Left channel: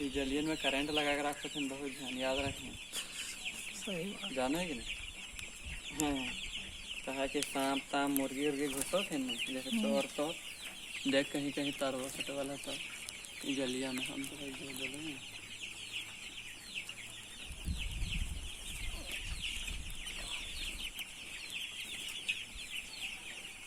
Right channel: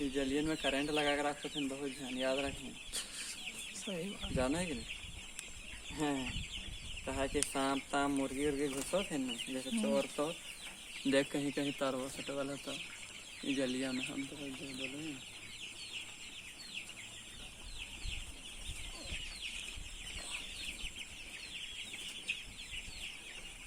ये जलियन में करंट लगा कर रख सकते, बहुत ध्यान याद रखें। सही बात। जाने कि नहीं, हाँ कहा कि सांप ताम मुर्गी उर्गी घुसो थे ना, जैसे चोर तो देख कहीं कहीं तारवा सटे वाला तो जलिया में हम तो भाई बोले